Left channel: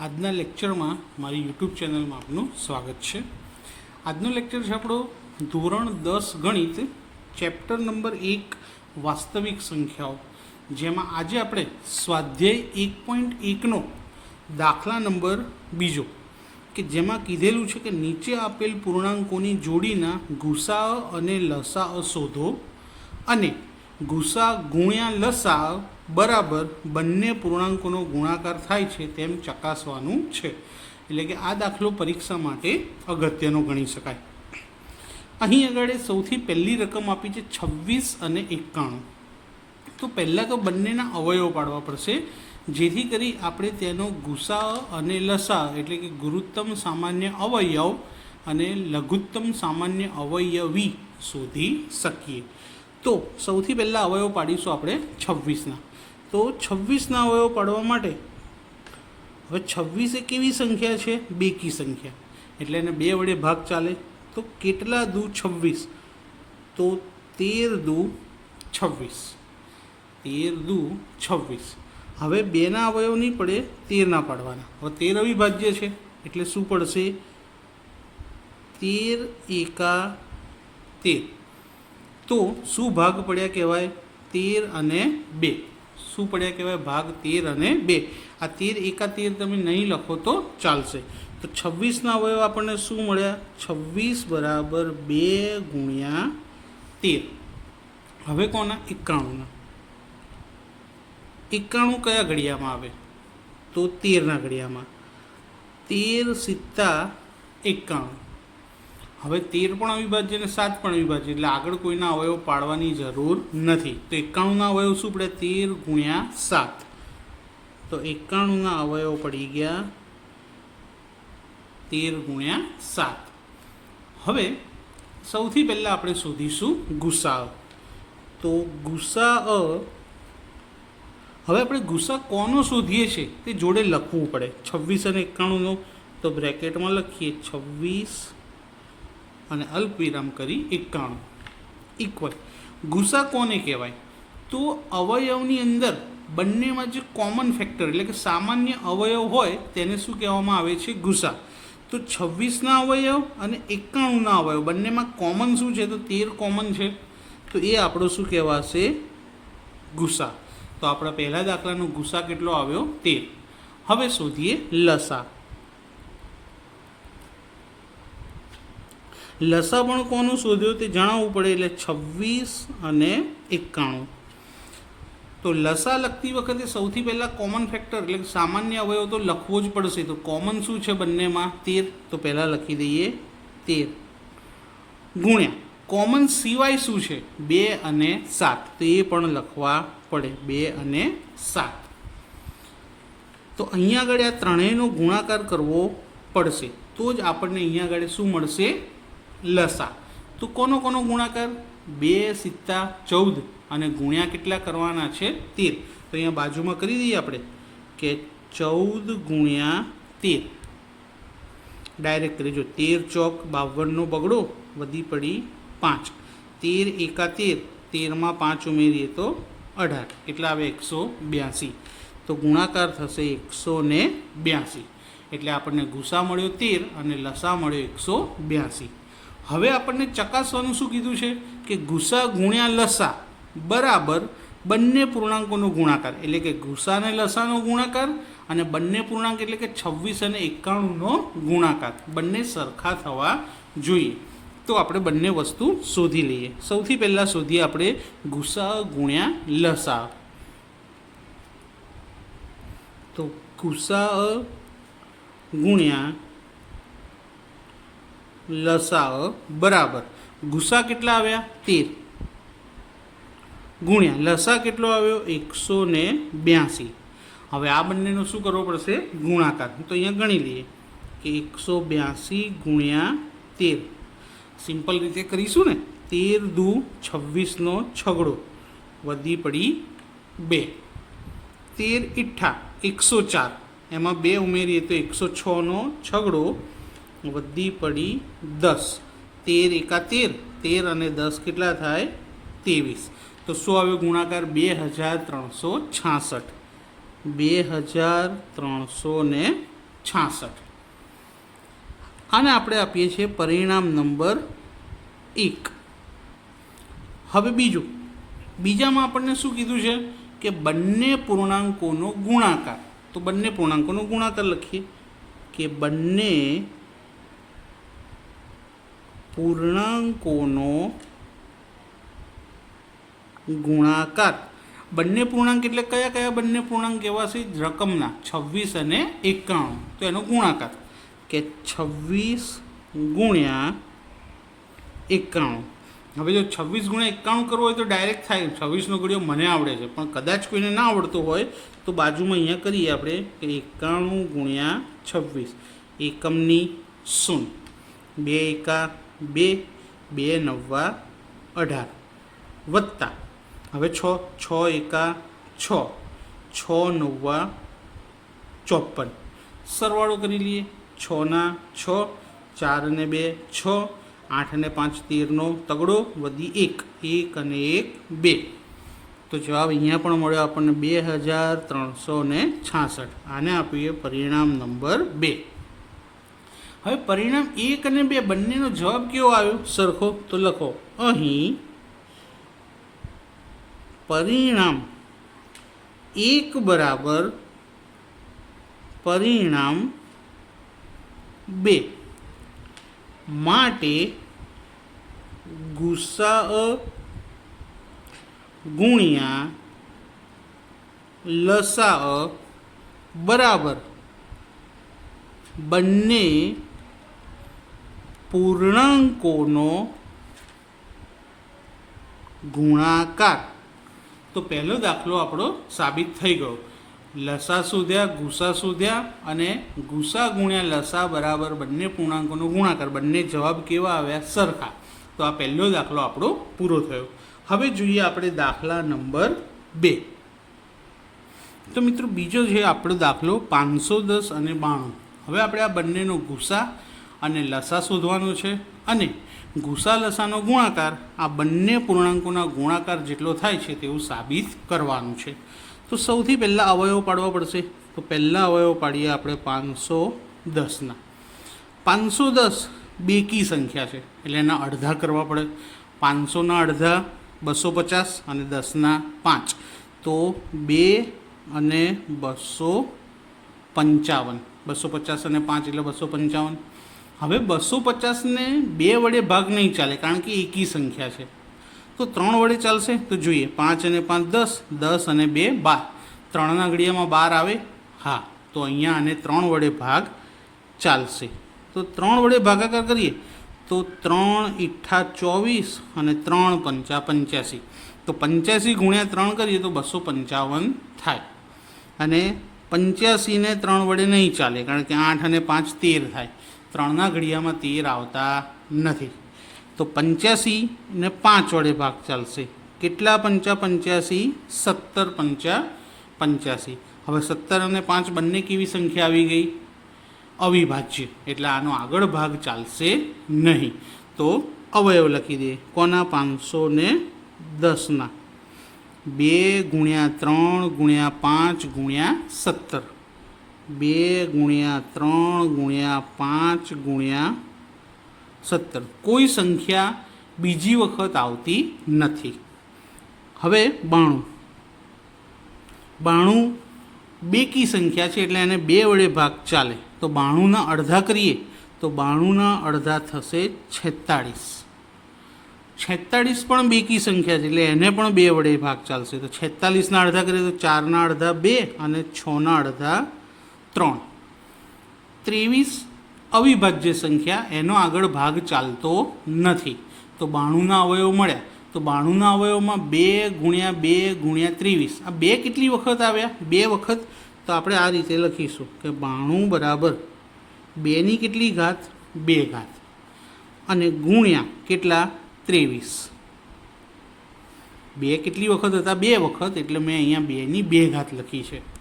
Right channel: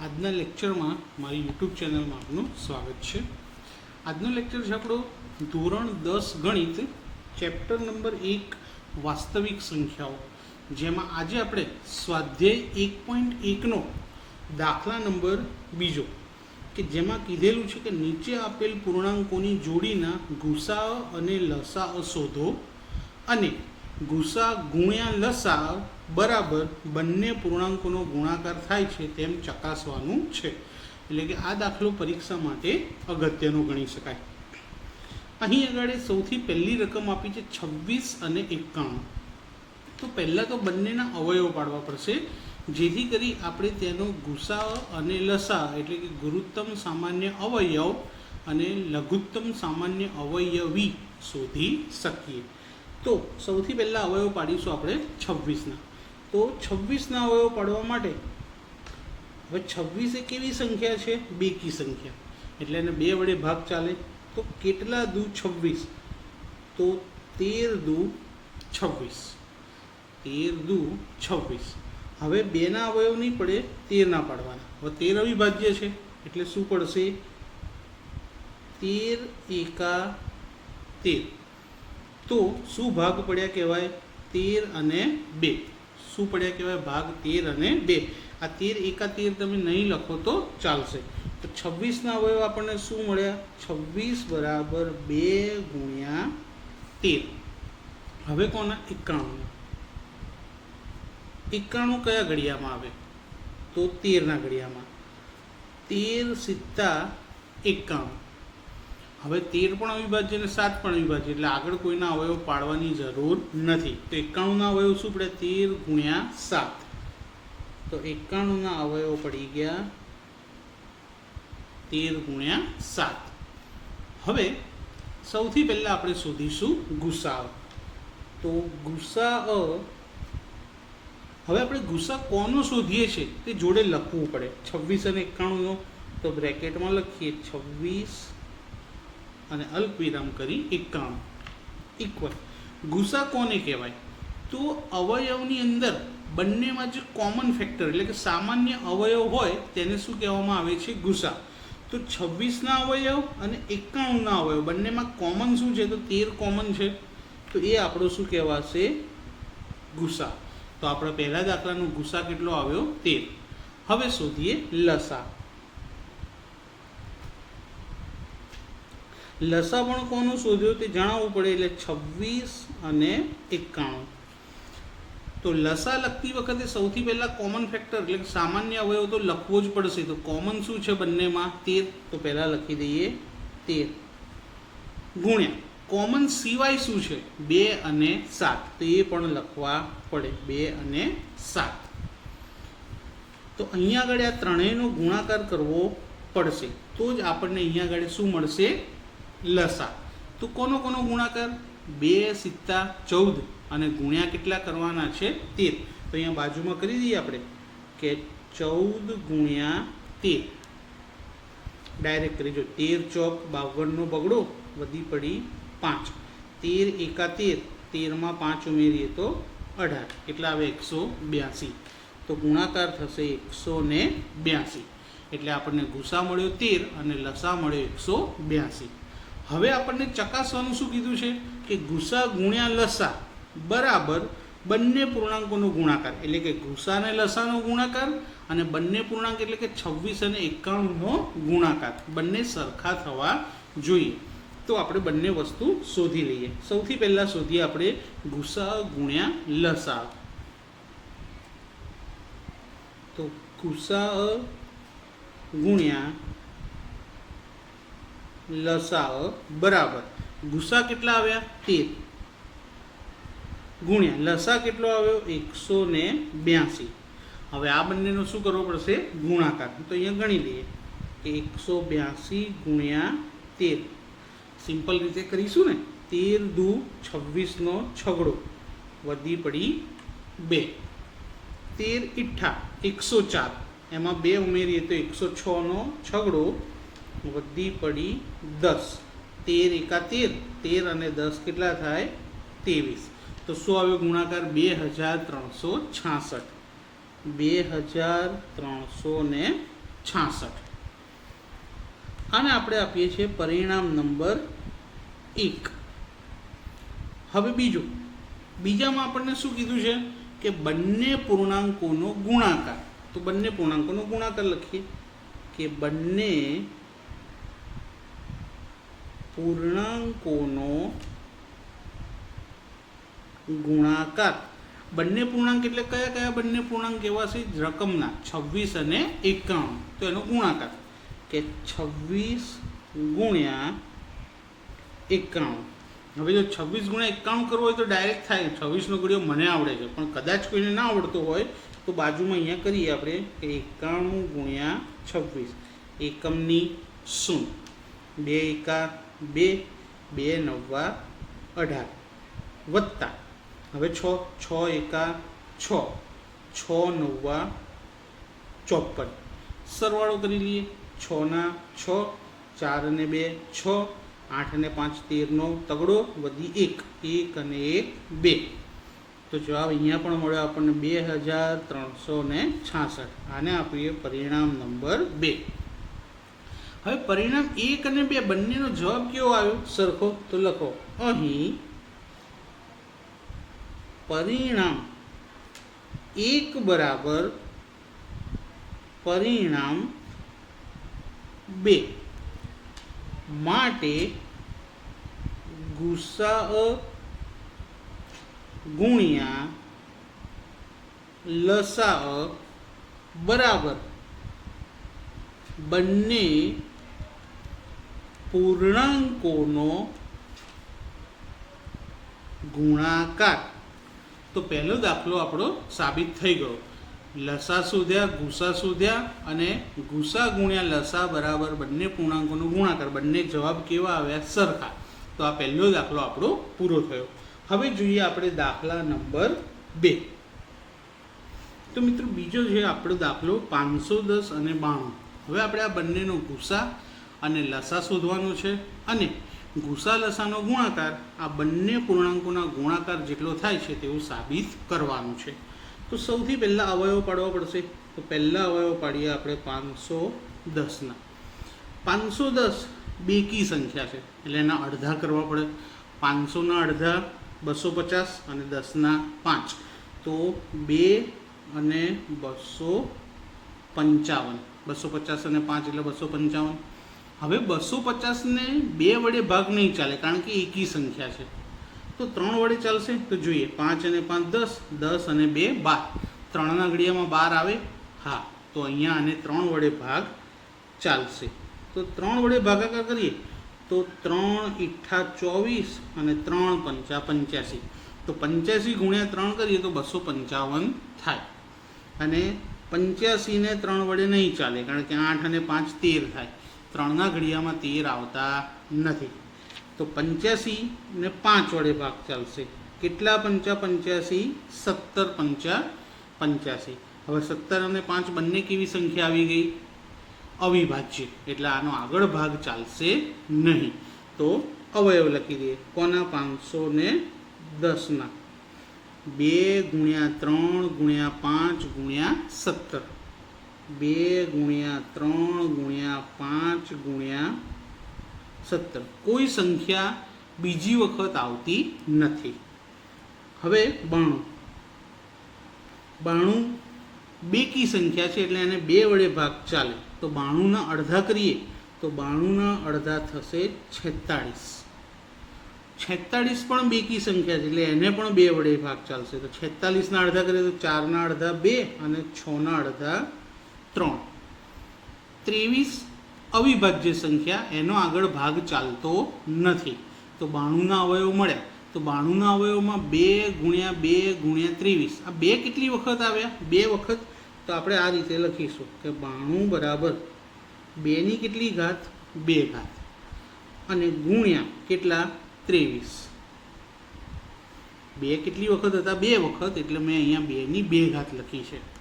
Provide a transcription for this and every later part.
આજના લેક્ચરમાં મારી યુટ્યુબ ચેનલમાં આપનું સ્વાગત છે. આજનો લેક્ચર છે આપણો ધોરણ દસ ગણિત, ચેપ્ટર નંબર એક, વાસ્તવિક સંખ્યાઓ. જેમાં આજે આપણે સ્વાધ્યાય એક પોઈન્ટ એકનો દાખલા નંબર બીજો, કે જેમાં કીધેલું છે કે નીચે આપેલ પૂર્ણાંકોની જોડીના ગુસા અને લસા શોધો અને ગુસા ગુણ્યા લસા બરાબર બંને પૂર્ણાંકોનો ગુણાકાર થાય છે તેમ ચકાસવાનું છે. એટલે કે આ દાખલો પરીક્ષા માટે અગત્યનો ગણી શકાય. અહીં આગળ સૌથી પહેલી રકમ આપી છે છવ્વીસ અને એકાણું. તો પહેલાં તો બંનેના અવયવ પાડવા પડશે. જેથી કરી આપણે તેનો ગુસા અને લસા એટલે કે ગુરુત્તમ સામાન્ય અવયવ અને લઘુત્તમ સામાન્ય અવયવી શોધી શકીએ. તો સૌથી પહેલાં અવયવ પાડીશું આપણે છવ્વીસના. તો છવ્વીસના અવયવ પાડવા માટે હવે છવ્વીસ એ કેવી સંખ્યા છે? બેકી સંખ્યા. એટલે એને બે વડે ભાગ ચાલે. તો કેટલા દુ છવ્વીસ? તો તેર દુ છવ્વીસ. તેર દુ છવ્વીસ. હવે બેના અવયવ નહીં પડે, તેરના પાડવાના. હવે તેર અવિભાજ્ય છે. એટલે શું પડશે? તેર એકા તેર. તો શું ભાગ પડ્યા કહેવાય? તેર અને બે. શું પડ્યા કહેવાય? ભાગ તેર અને બે. આ તેર એકા તેર તમે નહીં લખો તો ચાલશે. તો છવ્વીસના અવયવ આપણને શું મળ્યા? છવ્વીસ બરાબર બે ગુણ્યા તેર. હવે કોના એકાણુંના. એકાણું કયા ઘડિયામાં આવે? તો તેરના ઘડિયામાં તેર સિત્તા એકાણું. હવે તેર પણ અવિભાજ્ય અને સાત પણ અવિભાજ્ય, એટલે આગળ કોઈના અવયવ પાડવાની જરૂર નથી. તો એકાણુંના અવયવ શું પડે? તેર ગુણ્યા સાત. તો એકાણુંના અવયવ પડી ગયા તેર ગુણ્યા સાત. હવે સૌથી પહેલાં આપણે શોધીશું ગુસા તો ગુસા હવે આપણે ગુસા કોનો શોધીએ છીએ? તે જોડે લખવું પડે. છવ્વીસ અને એકાણુંનો તો બ્રેકેટમાં લખીએ. છવ્વીસ અને અલ્પ વિરામ કરી એકાણું. ઇક્વલ ગુસા કોને કહેવાય. તો અવયવની અંદર બંનેમાં જે કોમન ફેક્ટર એટલે કે સામાન્ય અવયવ હોય, તેને શું કહેવામાં આવે છે? ગુસા. તો છવ્વીસના અવયવ અને એકાણુંના અવયવ, બંનેમાં કોમન શું છે? તો તેર કોમન છે. તો એ આપણો શું કહેવાશે? ગુસા. તો આપણા પહેલા દાખલાનો ગુસા કેટલો આવ્યો? તેર. હવે શોધીએ લસા. લસા પણ કોનું શોધ્યું? તે જણાવવું પડે એટલે છવ્વીસ અને એકાણું. તો લસા લખતી વખતે સૌથી પહેલાં કોમન ફેક્ટર એટલે સામાન્ય અવયવ તો લખવો જ પડશે. તો કોમન શું છે બંનેમાં? તેર. તો પહેલાં લખી દઈએ તેર. ગુણ્યા. કોમન સિવાય શું છે? બે અને સાત. તો એ પણ લખવા પડે. બે અને સાત. તો અહીંયા આગળ આ ત્રણેયનો ગુણાકાર કરવો પડશે. તો જ આપણને અહીંયા આગળ શું મળશે? લસા. તો કોનો કોનો ગુણાકાર? બે, સિત્તા, ચૌદ. અને ગુણ્યા કેટલા કરવાના છે? તેર. તો અહીંયા બાજુમાં કરી દઈએ આપણે કે ચૌદ ગુણ્યા તેર. ડાયરેક્ટ કરી જો તેર ચોક બાવનનો બગડો, વધી પડી પાંચ. તેર એકા તેર. તેરમાં પાંચ ઉમેરીએ તો અઢાર. કેટલા આવે? એકસો બ્યાસી. તો ગુણાકાર થશે એકસો ને બ્યાસી. એટલે આપણને ગુસા મળ્યો તેર અને લસા મળ્યો એકસો બ્યાસી. હવે આપણને ચકાસવાનું શું કીધું છે કે ગુસા ગુણ્યા લસા બરાબર બંને પૂર્ણાંકોનો ગુણાકાર. એટલે કે ગુસા અને લસાનો ગુણાકાર અને બંને પૂર્ણાંક એટલે કે છવ્વીસ અને એકાણુંનો ગુણાકાર. બંને સરખા થવા જોઈએ. તો આપણે બંને વસ્તુ શોધી લઈએ. સૌથી પહેલાં શોધીએ આપણે ગુસા ગુણ્યા લસા. તો ગુસા ગુણ્યા લસા બરાબર. ગુસા કેટલા આવ્યા? તેર. ગુણ્યા લસા કેટલો આવ્યો? એકસો ને બ્યાસી. હવે આ બંનેનો શું કરવો પડશે? ગુણાકાર. તો અહીંયા ગણી લઈએ. કે એકસો બ્યાસી ગુણ્યા તેર. સિમ્પલ રીતે કરીશું ને? તેર દુ છવ્વીસનો છગડો. વધી પડી બે. તેર ઇઠ્ઠા એકસો ચાર. એમાં બે ઉમેરીએ તો એકસો છનો છગડો વધી પડી દસ. તેર એકા તેર. તેર અને દસ કેટલા થાય? ત્રેવીસ. તો શું આવ્યો ગુણાકાર? બે હજાર ત્રણસો છાસઠ. બે હજાર ત્રણસો ને છાસઠ. આને આપણે આપીએ છીએ પરિણામ નંબર એક. હવે બીજું. બીજામાં આપણને શું કીધું છે? કે બંને પૂર્ણાંકોનો ગુણાકાર. તો બંને પૂર્ણાંકોનો ગુણાકાર લખીએ. કે બંને પૂર્ણાંકોનો ગુણાકાર. બંને પૂર્ણાંક એટલે કયા કયા બંને પૂર્ણાંક? એવા છે રકમના, છવ્વીસ અને એકાણું. તો એનો ગુણાકાર. કે છવ્વીસ ગુણ્યા એકાણું. હવે જો છવ્વીસ ગુણ્યા એકાણું કરવો હોય તો ડાયરેક્ટ થાય. છવ્વીસનો ઘડિયો મને આવડે છે. પણ કદાચ કોઈને ના આવડતું હોય, તો બાજુમાં અહીંયા કરીએ આપણે કે એકાણું ગુણ્યા છવ્વીસ. એકમની શું બે એકા બે બે નવ્વા અઢાર. વત્તા. હવે છ છ, એકા, છ. છ નવ્વા ચોપન. સરવાળો કરી લઈએ. છના છ, ચાર અને બે, છ. આઠ અને પાંચ તેરનો તગડો વધી એક. એક અને એક, બે. તો જવાબ અહીંયા પણ મળ્યો આપણને બે હજાર ત્રણસો ને છાસઠ. આને આપીએ પરિણામ નંબર બે. હવે પરિણામ એક અને બે બંનેનો જવાબ કેવો આવ્યો? સરખો તો લખો. અહીં પરિણામ એક બરાબર પરિણામ બે માટે ગુસ્સા ગુણ્યા લસા બરાબર. બંને પૂર્ણાંકોનો ગુણાકાર. તો પહેલો દાખલો આપણો સાબિત થઈ ગયો. લસા શોધ્યા ગુસા શોધ્યા અને ગુસા ગુણ્યા લસા બરાબર બંને પૂર્ણાંકોનો ગુણાકાર. બંને જવાબ કેવા આવ્યા? સરખા. તો આ પહેલો દાખલો આપણો પૂરો થયો. હવે જોઈએ આપણે દાખલા નંબર બે. તો મિત્રો બીજો છે આપણો દાખલો પાંચસો દસ અને બાણું. હવે આપણે આ બંનેનો ગુસા અને લસા શોધવાનો છે અને ગુસા લસાનો ગુણાકાર આ બંને પૂર્ણાંકોના ગુણાકાર જેટલો થાય છે તેવું સાબિત કરવાનું છે. તો સૌથી પહેલાં અવયવ પાડવો પડશે. તો પહેલાં અવયવ પાડીએ આપણે પાંચસો દસના. પાંચસો દસ બેકી સંખ્યા છે. એટલે એના અડધા કરવા પડે. પાંચસોના અડધા બસો પચાસ અને દસના પાંચ. તો બે અને બસો પંચાવન. બસો પચાસ અને પાંચ એટલે બસો પંચાવન. હવે બસો પચાસને બે વડે ભાગ નહીં ચાલે, કારણ કે એકી સંખ્યા છે. તો ત્રણ વડે ચાલશે, તો જોઈએ, પાંચ અને પાંચ દસ દસ અને બે બાર. ત્રણના ઘડિયામાં બાર આવે, હા, તો અહીંયા આને ત્રણ વડે ભાગ ચાલશે. તો ત્રણ વડે ભાગાકાર કરીએ, તો ત્રણ ઇઠ્ઠા ચોવીસ અને ત્રણ પંચા પંચ્યાસી. તો પંચ્યાસી ગુણ્યા ત્રણ કરીએ, તો બસો પંચાવન થાય. અને પંચ્યાસીને ત્રણ વડે નહીં ચાલે, કારણ કે આઠ અને પાંચ તેર થાય. ત્રણના ઘડિયામાં તેર આવતા નથી. તો પંચ્યાસી ને પાંચ વડે ભાગ ચાલશે. કેટલા પંચા પંચ્યાસી? સત્તર પંચા પંચ્યાસી. હવે સત્તર અને પાંચ બંને કેવી સંખ્યા આવી ગઈ? અવિભાજ્ય. એટલે આનો આગળ ભાગ ચાલશે નહીં. તો અવયવ લખી દઈએ. કોના? પાંચસો ને દસના. બે ગુણ્યા ત્રણ ગુણ્યા પાંચ ગુણ્યા સત્તર. બે ગુણ્યા ત્રણ ગુણ્યા પાંચ ગુણ્યા સત્તર. કોઈ સંખ્યા બીજી વખત આવતી નથી. હવે બાણું. બાણું બેકી સંખ્યા છે એટલે એને બે વડે ભાગ ચાલે. તો બાણુંના અડધા કરીએ, તો બાણુંના અડધા થશે છેતાળીસ. છેતાળીસ પણ બેકી સંખ્યા છે એટલે એને પણ બે વડે ભાગ ચાલશે. તો છેતાલીસના અડધા કરીએ તો ચારના અડધા બે અને છના અડધા ત્રણ. ત્રેવીસ અવિભાજ્ય સંખ્યા એનો આગળ ભાગ ચાલતો નથી. તો બાણુંના અવયવ મળ્યા. તો બાણુંના અવયવમાં બે ગુણ્યા બે ગુણ્યા ત્રેવીસ. આ બે કેટલી વખત આવ્યા? બે વખત? તો આપણે આ રીતે લખીશું કે બાણું બરાબર બેની કેટલી ઘાત? બે ઘાત. અને ગુણ્યા કેટલા? ત્રેવીસ. બે કેટલી વખત હતા? બે વખત. એટલે મેં અહીંયા બેની બે ઘાત લખી છે.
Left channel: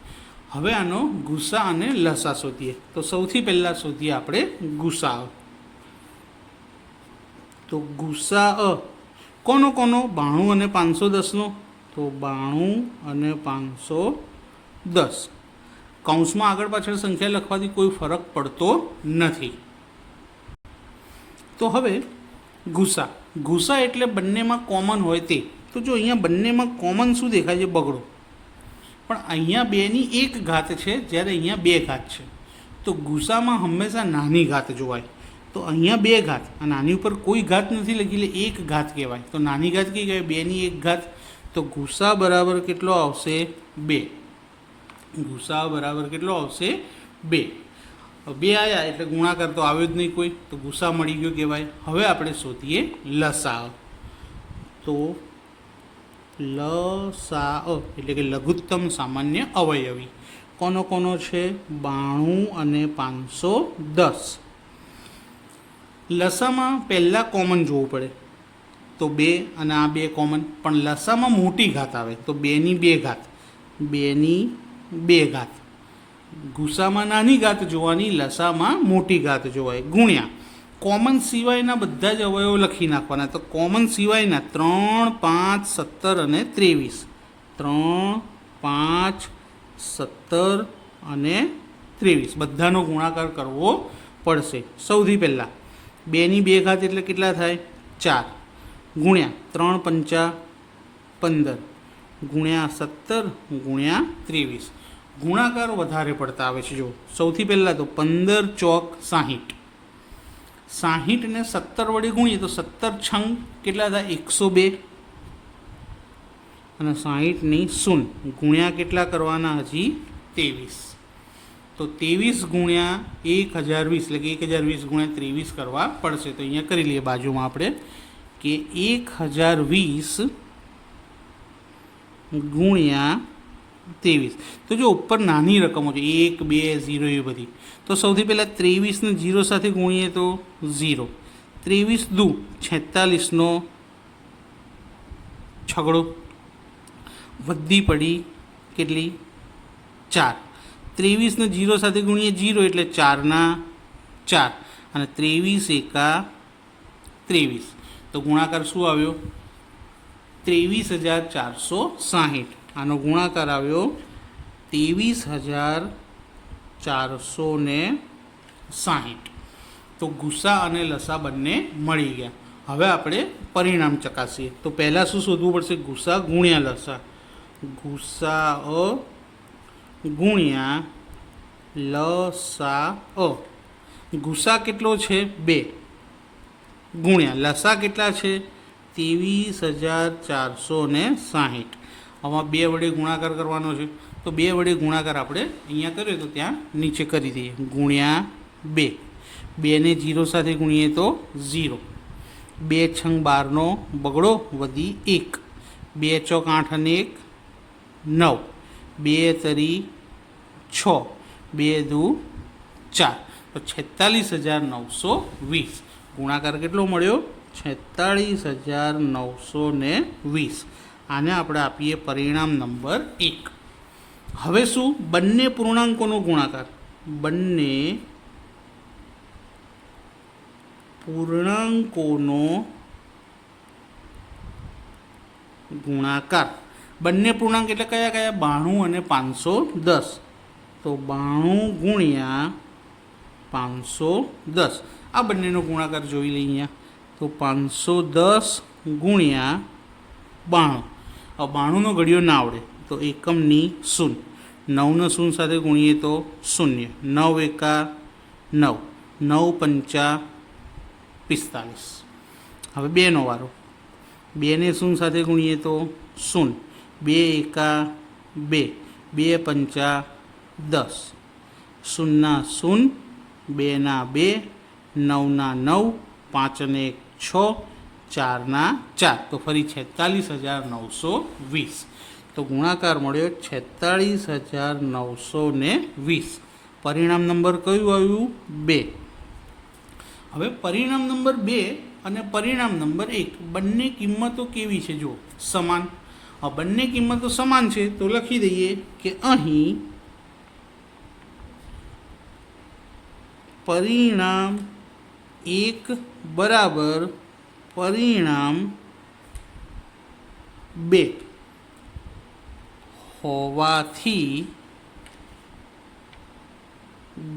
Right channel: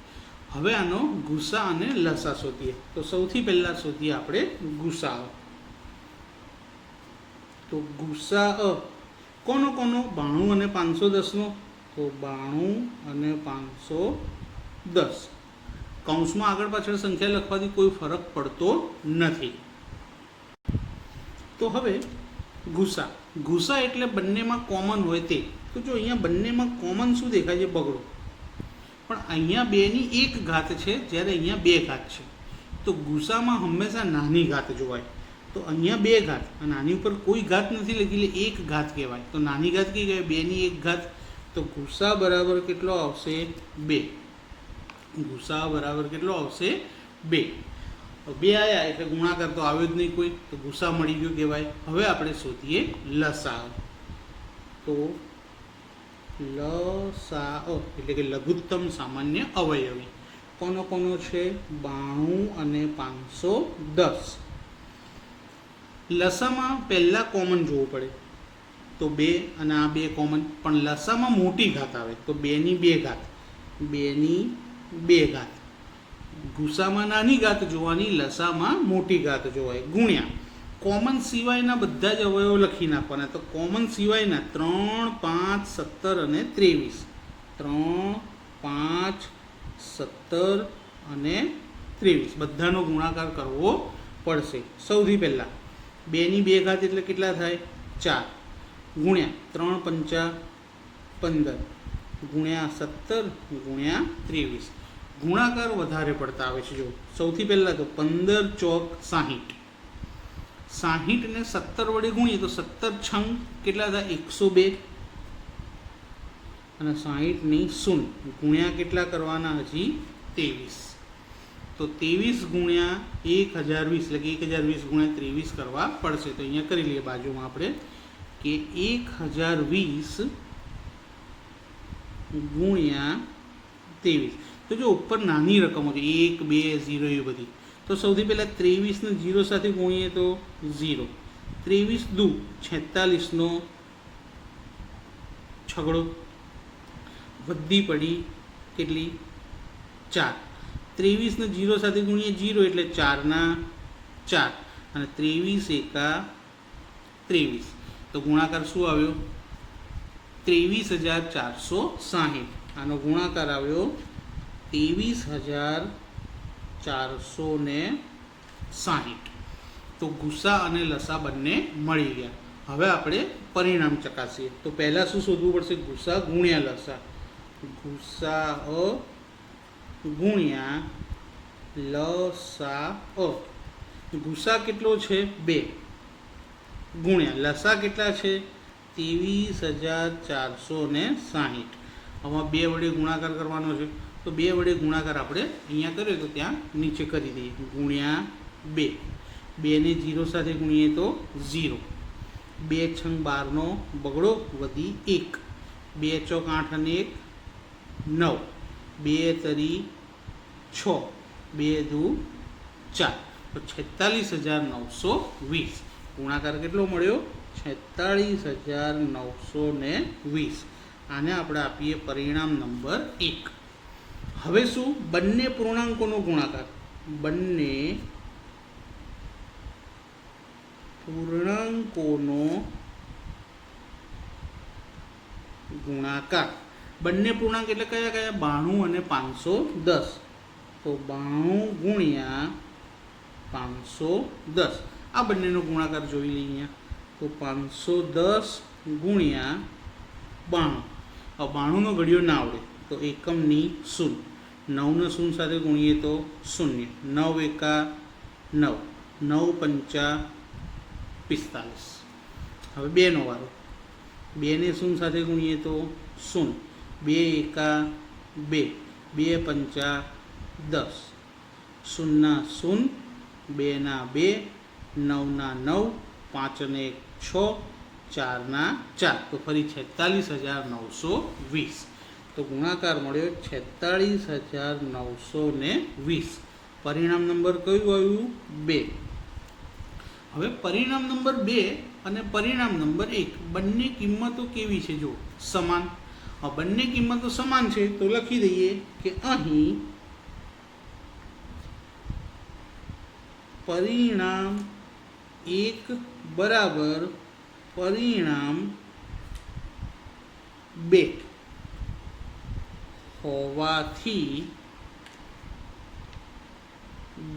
હવે આનો ગુસ્સા અને લસા શોધીએ. તો સૌથી પહેલાં શોધીએ આપણે ગુસ્સા તો ગુસ્સા અ, કોનો કોનો? બાણું અને પાંચસો દસનો. તો બાણું અને પાંચસો દસ. કૌંસમાં આગળ પાછળ સંખ્યા લખવાથી કોઈ ફરક પડતો નથી. તો હવે ગુસા ગુસા એટલે બંનેમાં કોમન હોય તે. તો જો અહીંયા બંનેમાં કોમન શું દેખાય છે? બગડો. પણ અહીંયા બેની એક ઘાત છે, જ્યારે અહીંયા બે ઘાત છે. તો ગુસામાં હંમેશા નાની ઘાત જોવાય. તો અહીંયા બે ઘાત, આ નાની ઉપર કોઈ ઘાત નથી લખી, એટલે એક ઘાત કહેવાય. તો નાની ઘાત કઈ કહેવાય? બેની એક ઘાત. તો ગુસા બરાબર કેટલો આવશે? બે. ગુસા બરાબર કેટલો આવશે? બે. બે આવ્યા એટલે ગુણાકાર તો આવ્યો જ નહીં કોઈ. તો ગુસ્સા મળી ગયો કહેવાય. હવે આપણે શોધીએ લસા તો લસા એટલે કે લઘુત્તમ સામાન્ય અવયવી. કોનો કોનો છે? બાણું અને પાંચસો દસ. લસામાં પહેલાં કોમન જોવું પડે. તો બે અને આ બે કોમન. પણ લસામાં મોટી ઘાત આવે. તો બેની બે ઘાત. બેની બે ઘાત. ગુસામાં નાની ઘાત જોવાની, લસામાં મોટી ઘાત જોવાય. ગુણ્યા. કોમન સિવાયના બધા જ અવયવો લખી નાખવાના. તો કોમન સિવાયના ત્રણ, પાંચ, સત્તર અને ત્રેવીસ. ત્રણ, પાંચ, સત્તર અને ત્રેવીસ. બધાનો ગુણાકાર કરવો પડશે. સૌથી પહેલાં. બેની બે ઘાત એટલે કેટલા થાય? ચાર. ગુણ્યા ત્રણ પંચા પંદર. ગુણ્યા સત્તર, ગુણ્યા ત્રેવીસ. ગુણાકાર વધારે પડતા આવે છે. જો સૌથી પહેલાં તો પંદર ચોક સાહીઠ. સાહીઠ ને સત્તર વડે ગુણીએ તો સત્તર છંગ કેટલા હતા? એકસો બે. અને સાહીઠની શૂન. ગુણ્યા કેટલા કરવાના હજી? ત્રેવીસ. તો ત્રેવીસ ગુણ્યા એક હજાર વીસ, એટલે કે એક હજાર વીસ ગુણ્યા ત્રેવીસ કરવા પડશે. તો અહીંયા કરી લઈએ બાજુમાં આપણે કે એક હજાર વીસ ગુણ્યા ત્રેવીસ. તો જો ઉપર નાની રકમો છે, એક, બે, ઝીરો એ બધી. તો સૌથી પહેલાં ત્રેવીસને ઝીરો સાથે ગુણીએ તો ઝીરો. ત્રેવીસ દુ છેતાલીસનો છગડો. વધી પડી કેટલી? ચાર. ત્રેવીસને જીરો સાથે ગુણીએ જીરો એટલે ચારના ચાર. અને ત્રેવીસ એકા ત્રેવીસ. તો ગુણાકાર શું આવ્યો? ત્રેવીસ હજાર ચારસો સાહીઠ. આનો ગુણાકાર આવ્યો ત્રેવીસ હજાર ચારસો ને સાહીઠ. તો ગુસ્સા અને લસા બંને મળી ગયા. હવે આપણે પરિણામ ચકાસીએ. તો પહેલાં શું શોધવું પડશે? ગુસ્સા ગુણ્યા લસા. ગુસ્સા અ ગુણ્યા લસા અ. ગુસ્સા કેટલો છે? બે. ગુણ્યા લસા કેટલા છે? ત્રેવીસ હજાર ચારસો ને સાહીઠ. આમાં બે વડે ગુણાકાર કરવાનો છે. તો બે વડે ગુણાકાર આપણે અહીંયા કર્યો તો ત્યાં નીચે કરી દઈએ. ગુણ્યા બે. બેને જીરો સાથે ગુણીએ તો ઝીરો. બે છંગ બારનો બગડો વધી એક. બે ચોક આઠ અને એક નવ. બે તરી છ. બે દુ ચાર. તો છેતાલીસ હજાર નવસો વીસ. ગુણાકાર કેટલો મળ્યો? છેતાળીસ હજાર નવસો ને વીસ. આને આપણે આપીએ પરિણામ નંબર એક. હવે શું? બંને પૂર્ણાંકોનો ગુણાકાર. બંને પૂર્ણાંકોનો ગુણાકાર. બંને પૂર્ણાંક એટલે કયા કયા? બાણું અને પાંચસો દસ. તો બાણું ગુણ્યા પાંચસો દસ. આ બંનેનો ગુણાકાર જોઈ લઈએ અહીંયા. તો પાંચસો દસ ગુણ્યા બાણું. આ બાણુંનો ઘડિયો ના આવડે. તો એકમની શૂન. નવનો શૂન સાથે ગુણીએ તો શૂન્ય. નવ એકા નવ. નવ પંચા પિસ્તાલીસ. હવે બેનો વારો. બેને શૂન સાથે ગુણીએ તો શૂન. બે એકા બે. બે પંચા દસ. શૂનના શૂન, બેના બે, નવના નવ, પાંચને એક છ, ચારના ચાર. તો ફરી છેતાલીસ હજાર નવસો વીસ. તો ગુણાકાર મળ્યો છેતાળીસ હજાર નવસો ને વીસ. પરિણામ નંબર કયું આવ્યું? બે. હવે પરિણામ નંબર બે અને પરિણામ નંબર એક, બંને કિંમતો કેવી છે જો સમાન. આ બંને કિંમતો સમાન છે, તો લખી દઈએ કે અહીં પરિણામ એક બરાબર પરિણામ બે. હોવાથી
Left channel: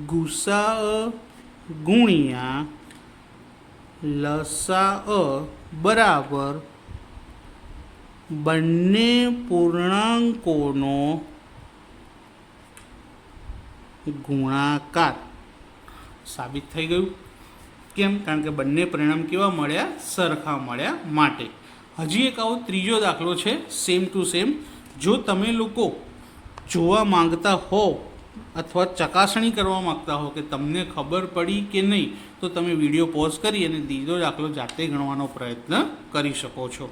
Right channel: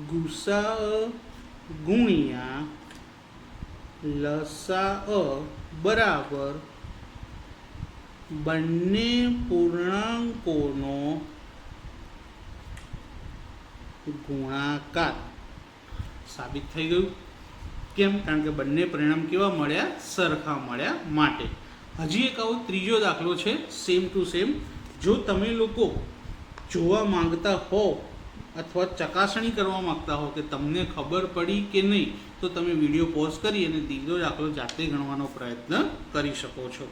ગુસા ગુણ્યા લસા બરાબર બંને પૂર્ણાંકોનો ગુણાકાર. સાબિત થઈ ગયું. કેમ? કારણ કે બંને પરિણામ કેવા મળ્યા? સરખા મળ્યા માટે. હજી એક આવો ત્રીજો દાખલો છે સેમ ટુ સેમ જો તમે લોકો જોવા માંગતા હો અથવા ચકાસણી કરવા માંગતા હો કે તમને ખબર પડી કે નહીં, તો તમે વીડિયો પોઝ કરી અને દીધો દાખલો જાતે ગણવાનો પ્રયત્ન કરી શકો છો.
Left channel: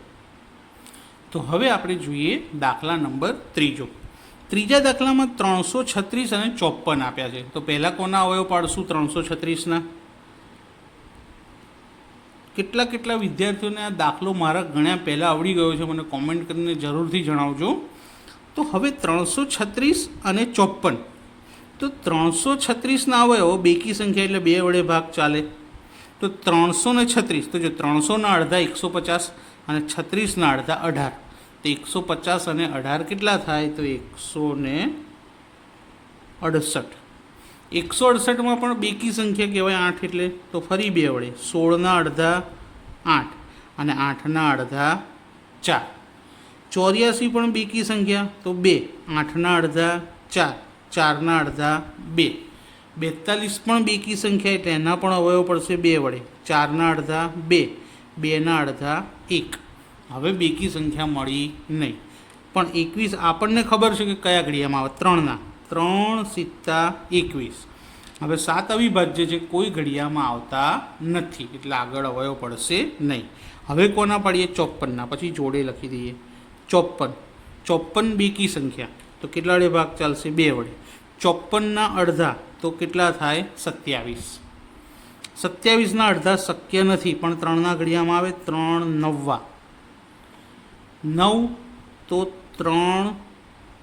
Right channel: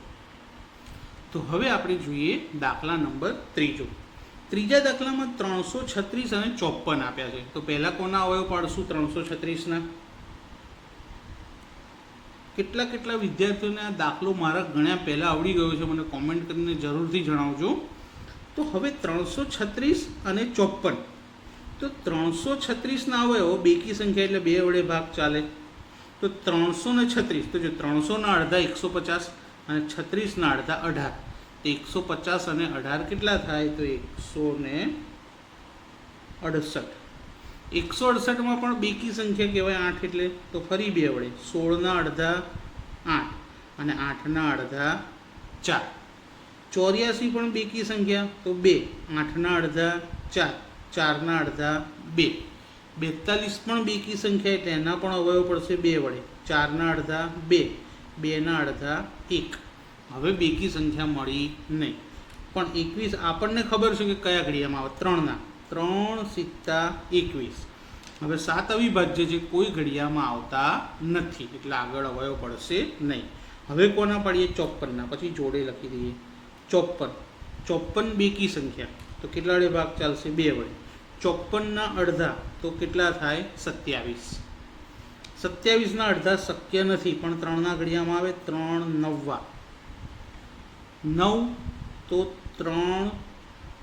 તો હવે આપણે જોઈએ દાખલા નંબર ત્રીજો. ત્રીજા દાખલામાં ત્રણસો છત્રીસ અને ચોપન આપ્યા છે. તો પહેલાં કોના અવયવ પાડશું? ત્રણસો છત્રીસના. કેટલા કેટલા વિદ્યાર્થીઓને આ દાખલો મારા ગણ્યા પહેલાં આવડી ગયો છે? મને કોમેન્ટ કરીને જરૂરથી જણાવજો. તો હવે ત્રણસો છત્રીસ અને ચોપન તો ત્રણસો છત્રીસના અવયવો બેકી સંખ્યા એટલે બે વડે ભાગ ચાલે. તો ત્રણસો ને છત્રીસ, તો જો ત્રણસોના અડધા એકસો પચાસ અને છત્રીસના અડધા અઢાર. તો એકસો પચાસ અને અઢાર કેટલા થાય? તો એકસો ને અડસઠ. એકસો અડસઠમાં પણ બેકી સંખ્યા કહેવાય આઠ એટલે, તો ફરી બે વડે, સોળના અડધા આઠ અને આઠના અડધા ચાર. ચોર્યાસી પણ બેકી સંખ્યા? તો બે. આઠના અડધા, ચાર. ચારના અડધા, બે. બેતાલીસ પણ બેકી સંખ્યા એટલે એના પણ અવયવ પડશે બે વડે. ચારના અડધા, બે. બેના અડધા, એક. હવે બેકી સંખ્યા મળી નહીં. પણ એકવીસ આપણને ખબર છે કે કયા ઘડિયામાં આવે? ત્રણના. ત્રણ સિત્તા એકવીસ. હવે સાત અવિભાજ્ય છે, કોઈ ઘડિયામાં આવતા નથી. એટલે આગળ અવયવ પડશે નહીં. હવે કોના પાડીએ? ચોપનના પછી જોડે લખી દઈએ. ચોપન ચોપન બેકી સંખ્યા. તો કેટલા વડે ભાગ ચાલશે? બે વડે. ચોપનના અડધા, તો કેટલા થાય? સત્યાવીસ. સત્યાવીસના અડધા શક્ય નથી, પણ ત્રણના ઘડિયામાં આવે, ત્રણ નવ્વા. નવ, તો ત્રણ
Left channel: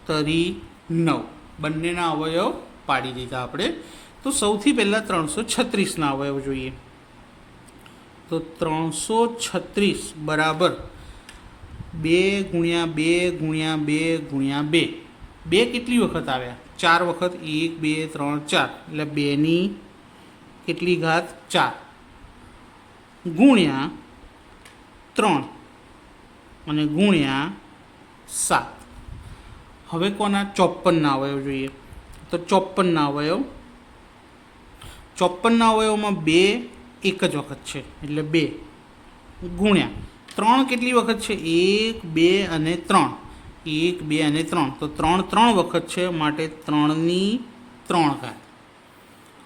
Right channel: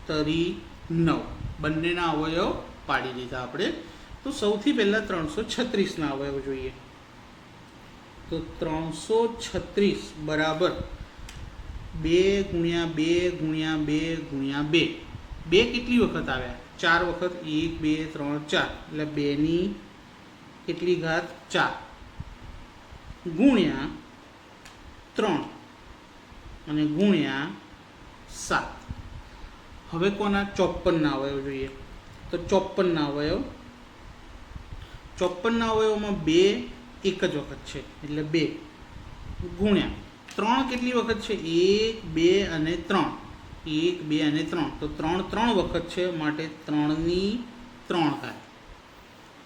તરી નવ. બંનેના અવયવ પાડી દીધા આપણે. તો સૌથી પહેલાં ત્રણસો છત્રીસના અવયવ જોઈએ. તો ત્રણસો છત્રીસ બરાબર બે ગુણ્યા બે ગુણ્યા બે ગુણ્યા બે. બે કેટલી વખત આવ્યા? ચાર વખત એક, બે, ત્રણ, ચાર. એટલે બેની કેટલી ઘાત? ચાર. ગુણ્યા ત્રણ. અને ગુણ્યા સાત. હવે કોના ચોપનના અવયવ જોઈએ? તો ચોપનના અવયવ. ચોપનના અવયવમાં બે એક જ વખત છે. એટલે બે ગુણ્યા. ત્રણ કેટલી વખત છે? એક, બે અને ત્રણ. એક, બે અને ત્રણ. તો ત્રણ ત્રણ વખત છે માટે ત્રણની ત્રણ ઘાત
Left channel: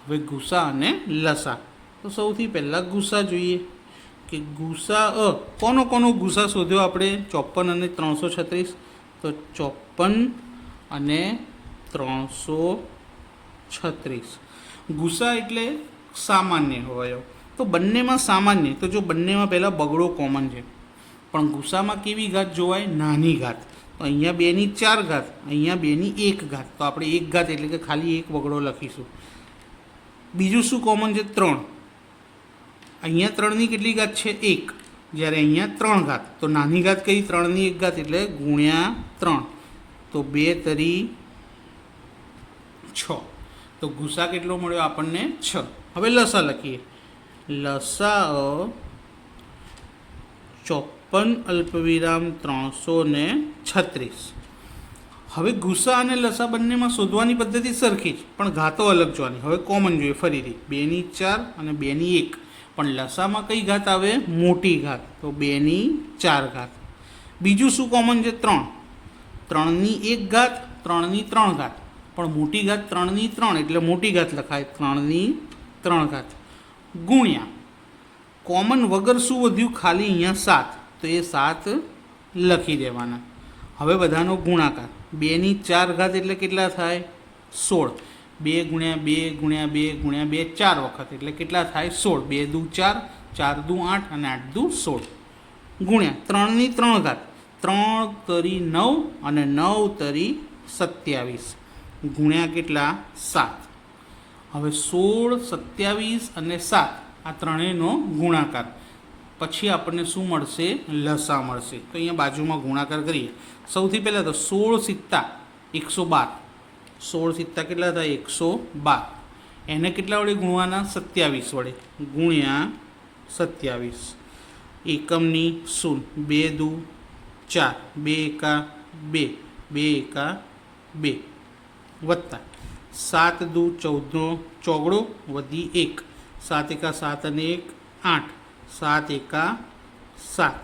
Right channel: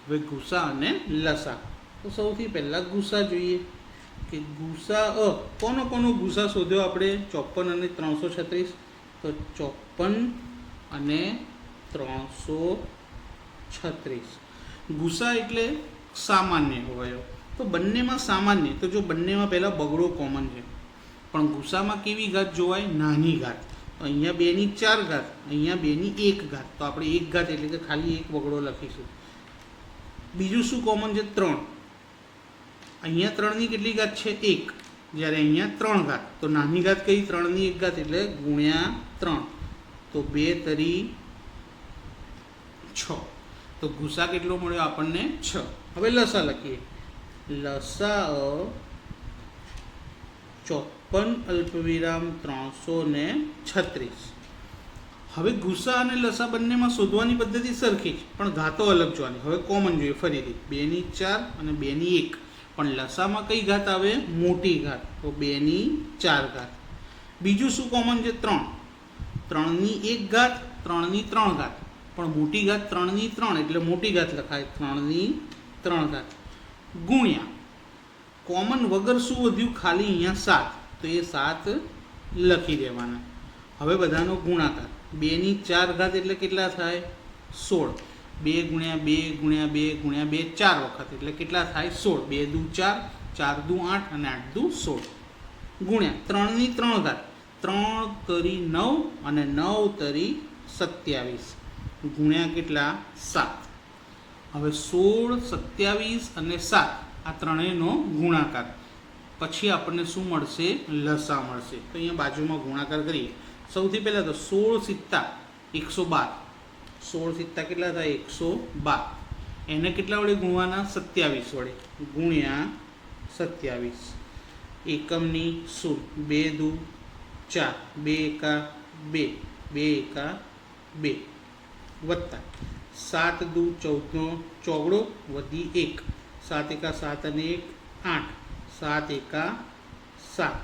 હવે ગુસા અને લસા. તો સૌથી પહેલાં ગુસા જોઈએ કે ગુસા અ, કોનો કોનો ગુસા શોધ્યો આપણે? ચોપન અને ત્રણસો છત્રીસ. તો ચોપન અને ત્રણસો છત્રીસ. ગુસા એટલે સામાન્ય હોય. તો બંનેમાં સામાન્ય. તો જો બંનેમાં પહેલાં બગડો કોમન છે. પણ ગુસામાં કેવી ઘાત જોવાય? નાની ઘાત. તો અહીંયા બેની ચાર ઘાત, અહીંયા બેની એક ઘાત. તો આપણે એક ઘાત એટલે કે ખાલી એક વગડો લખીશું. બીજું શું કોમન છે? ત્રણ. અહીંયા ત્રણની કેટલી ઘાત છે? એક. જ્યારે અહીંયા ત્રણ ઘાત. તો નાની ઘાત કઈ? ત્રણની એક ઘાત એટલે ગુણ્યા ત્રણ. તો બે તરી છ. તો ગુસા કેટલો મળ્યો આપણને? છ. હવે લસા લખીએ. લસા ચોપન અલ્પવિરામ ત્રણસો ને છત્રીસ. હવે ગુસ્સા અને લસા બંનેમાં શોધવાની પદ્ધતિ સરખી જ, પણ ઘાતો અલગ જોવાની. હવે કોમન જોઈએ ફરીથી. બેની ચાર અને બેની એક. પણ લસામાં કઈ ઘાત આવે? મોટી ઘાત. તો બેની ચાર ઘાત. બીજું શું કોમન છે? ત્રણ. ત્રણની એક ઘાત, ત્રણની ત્રણ ઘાત. પણ મોટી ઘાત ત્રણની ત્રણ, એટલે મોટી ઘાત લખાય. ત્રણની ત્રણ ઘાત. ગુણ્યા. કોમન વગર શું વધ્યું? ખાલી અહીંયા સાત. તો એ સાત લખી દેવાના. હવે બધાનો ગુણાકાર. બેની ચાર ઘાત એટલે કેટલા થાય? સોળ. બે ગુણ્યા બે ગુણ્યા બે ગુણ્યા બે ચાર વખત એટલે કેટલા થાય? સોળ. બે દુ ચાર ચાર દુ આઠ અને આઠ દુ સોળ. ગુણ્યા ત્રણની ત્રણ ઘાત. ત્રણ તરી નવ અને નવ તરી સત્યાવીસ. ગુણ્યા કેટલા? સાત. હવે સોળ, સત્યાવીસ અને સાત. આ ત્રણેયનો ગુણાકાર. પછી આપણને શું મળશે? લસા મળશે. તો અહીંયા બાજુમાં ગુણાકાર કરીએ. સૌથી પહેલાં તો સોળ સિત્તા એકસો બાર. સોળ સિત્તા કેટલા થાય એકસો બાર. એને કેટલા વડે ગુણવાના? સત્યાવીસ વડે. ગુણ્યા સત્યાવીસ. એકમની શૂન. બે દુ ચાર. બે એકા બે. બે એકા બે. વત્તા. સાત દુ ચૌદનો ચોગડો વધી એક. સાત એકા સાત અને એક આઠ સાત એકા સાત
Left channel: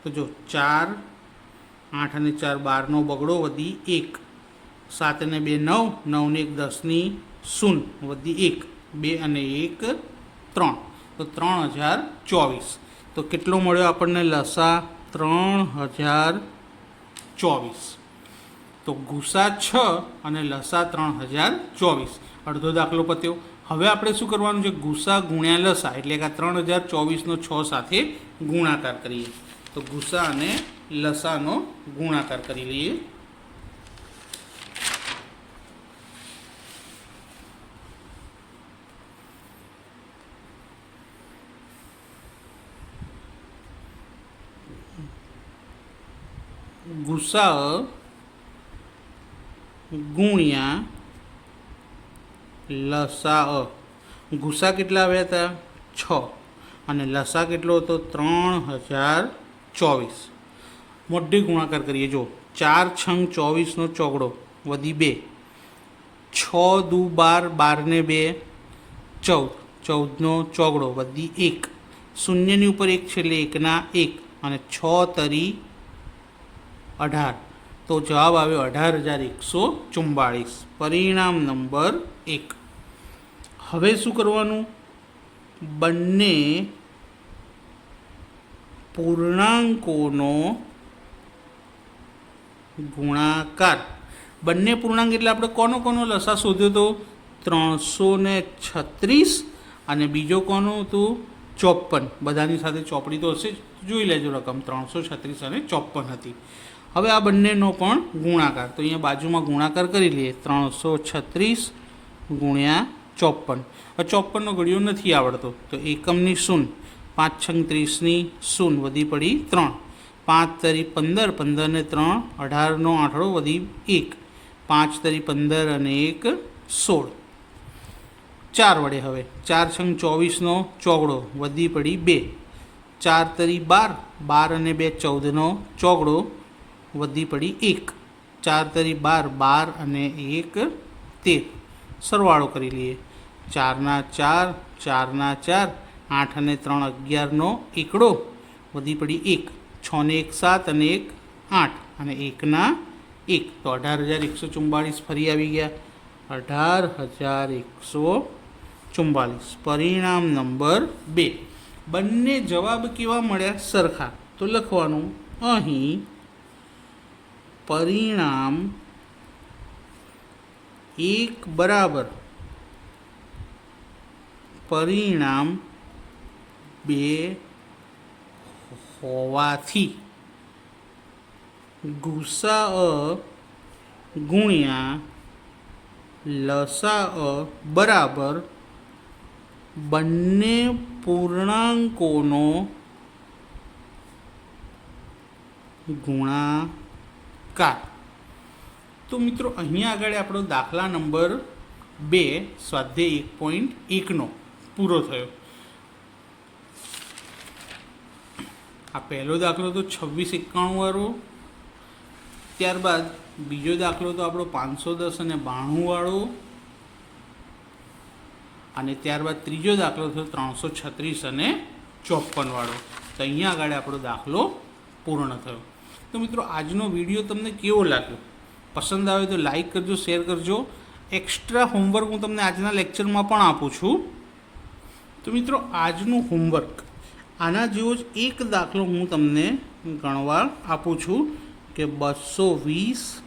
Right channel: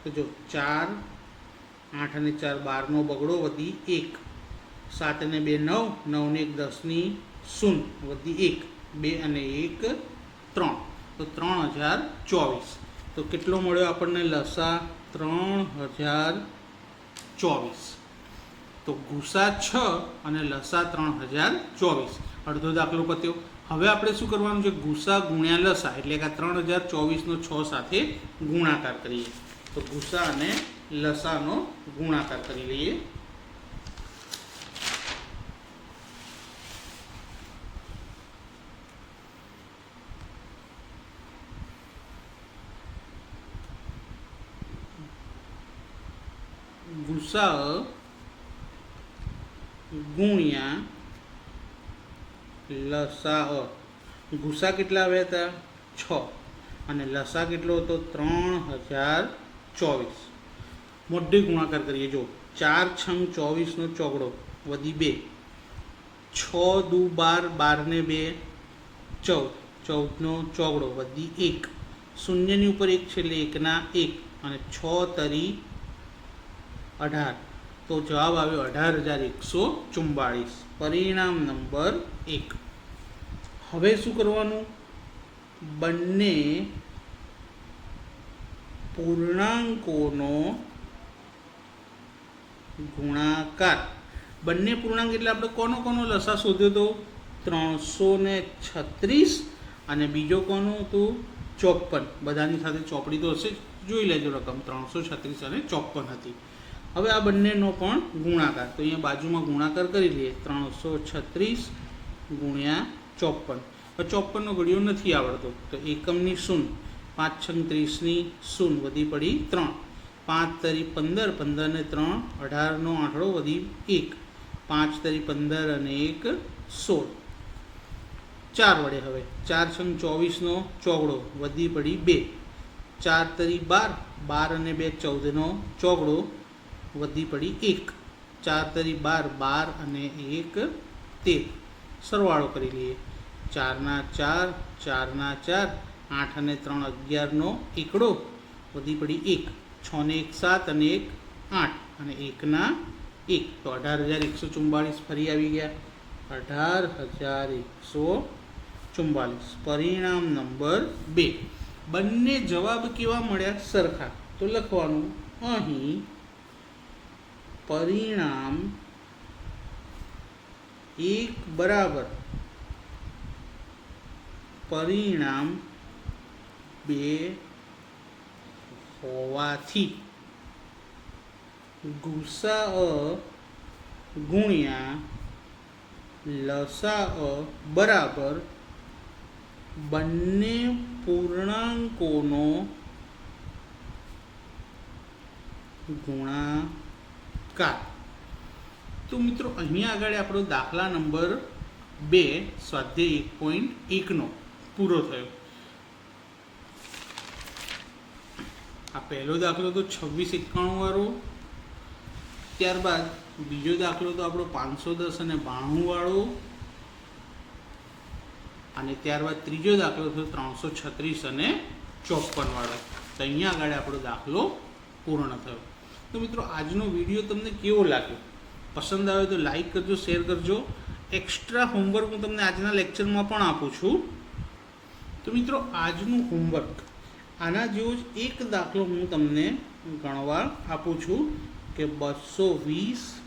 તો જો ચાર આઠ અને ચાર બારનો બગડો વધી એક સાત અને બે નવ નવને એક દસની શૂન્ય વધી એક બે અને એક ત્રણ તો ત્રણ હજાર ચોવીસ તો કેટલો મળ્યો આપણને? લસા ત્રણ હજાર ચોવીસ તો ગુસા છ અને લસા ત્રણ હજાર ચોવીસ અડધો દાખલો પત્યો. હવે આપણે શું કરવાનું છે? ગુસા ગુણ્યા લસા, એટલે કે ત્રણ હજાર ચોવીસનો છ સાથે ગુણાકાર કરીએ. તો ગુસા અને લસાનો ગુણાકાર કરી લઈએ. ગુસા ગુણ્યા લસા ગુસા કેટલા આવ્યા હતા? છ. અને લસા કેટલો હતો? ત્રણ હજાર ચોવીસ. મોઢી ગુણાકાર કરીએ. જો, ચાર છંગ ચોવીસનો ચોગડો, વધી બે. છ દુ બાર, બારને બે. ચૌદ. ચૌદનો ચોગડો, વધી એક. શૂન્યની ઉપર એક છે એટલે એકના એક. અને છ તરી અઢાર. તો જવાબ આવ્યો અઢાર હજાર એકસો ચુમ્બાળીસ પરિણામ નંબર એક. હવે શું કરવાનું? બંને પૂર્ણાંકોનો ગુણાકાર. બંને પૂર્ણાંક એટલે આપણે કોનો કોનો લસા શોધ્યો તો ત્રણસો ને છત્રીસ અને બીજો કોનો હતું? ચોપન બધાની સાથે ચોપડી તો હશે. જોઈ લેજો રકમ. ત્રણસો છત્રીસ અને ચોપન હતી. હવે આ બંનેનો પણ ગુણાકાર. તો અહીંયા બાજુમાં ગુણાકાર કરી લઈએ. ત્રણસો છત્રીસ ગુણ્યા ચોપન ચોપનનો ઘડિયો નથી આવડતો. તો એકમની શૂન. પાંચ છંગ ત્રીસની શૂન વધી પડી ત્રણ. પાંચ તરી પંદર પંદર ને ત્રણ, અઢારનો આંઠળો વધી એક. પાંચ તરી પંદર અને એક, સોળ. ચાર વડે હવે. ચાર છંગ ચોવીસનો ચોગડો વધી પડી બે. ચાર તરી બાર બાર અને બે ચૌદનો ચોગડો વધી પડી એક. ચાર તરી બાર બાર અને એક, તેર. સરવાળો કરી લઈએ. ચારના ચાર ચારના ચાર, આઠ અને ત્રણ અગિયારનો એકડો. વધી પડી એક, છ ને એક સાત અને એક આઠ અને એકના એક. તો અઢાર હજાર એકસો ચુમ્માળીસ ફરી આવી ગયા. અઢાર હજાર એકસો ચુમ્બાલીસ પરિણામ નંબર બે. બંને જવાબ કેવા મળ્યા? સરખા. તો લખવાનું અહીં પરિણામ એક બરાબર પરિણામ બે હોવાથી ગુસા ગુણ્યા લસા બરાબર બંને પૂર્ણાંકોનો ગુણાકાર. તો મિત્રો અહીંયા આગળ આપણો દાખલા નંબર બે, સ્વાધ્યાય એક પોઈન્ટ એકનો. પૂરો થયો. આ પહેલો દાખલો તો છવ્વીસ એકાણું વાળો. ત્યારબાદ બીજો દાખલો તો આપણો પાંચસો દસ અને બાણું વાળો. અને ત્યારબાદ ત્રીજો દાખલો થયો ત્રણસો છત્રીસ અને ચોપન વાળો. તો અહીંયા આગળ આપણો દાખલો પૂર્ણ થયો. તો મિત્રો, આજનો વીડિયો તમને કેવો લાગ્યો? પસંદ આવે તો લાઈક કરજો, શેર કરજો. એક્સ્ટ્રા હોમવર્ક હું તમને આજના લેક્ચરમાં પણ આપું છું. તો મિત્રો, આજનું હોમવર્ક આના જેવો જ એક દાખલો હું તમને ગણવા આપું છું કે બસો વીસ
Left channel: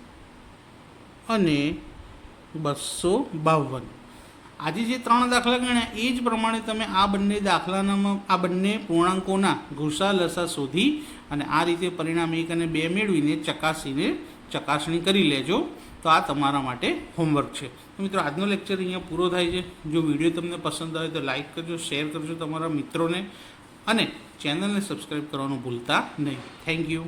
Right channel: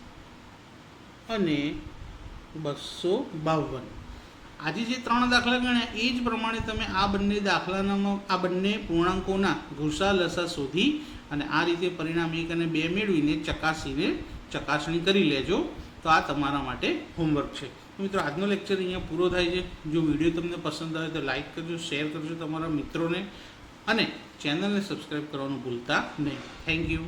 અને બસો બાવન. આજે જે ત્રણ દાખલા ગણ્યા, એ જ પ્રમાણે તમે આ બંને દાખલાનામાં, આ બંને પૂર્ણાંકોના ઘુસા લસા શોધી અને આ રીતે પરિણામ એક અને બે મેળવીને ચકાસીને ચકાસણી કરી લેજો. તો આ તમારા માટે હોમવર્ક છે. મિત્રો, આજનો લેક્ચર અહીંયા પૂરો થાય છે. જો વીડિયો તમને પસંદ આવે તો લાઈક કરજો શેર કરજો તમારા મિત્રોને. અને ચેનલને સબસ્ક્રાઈબ કરવાનું ભૂલતા નહીં. Thank you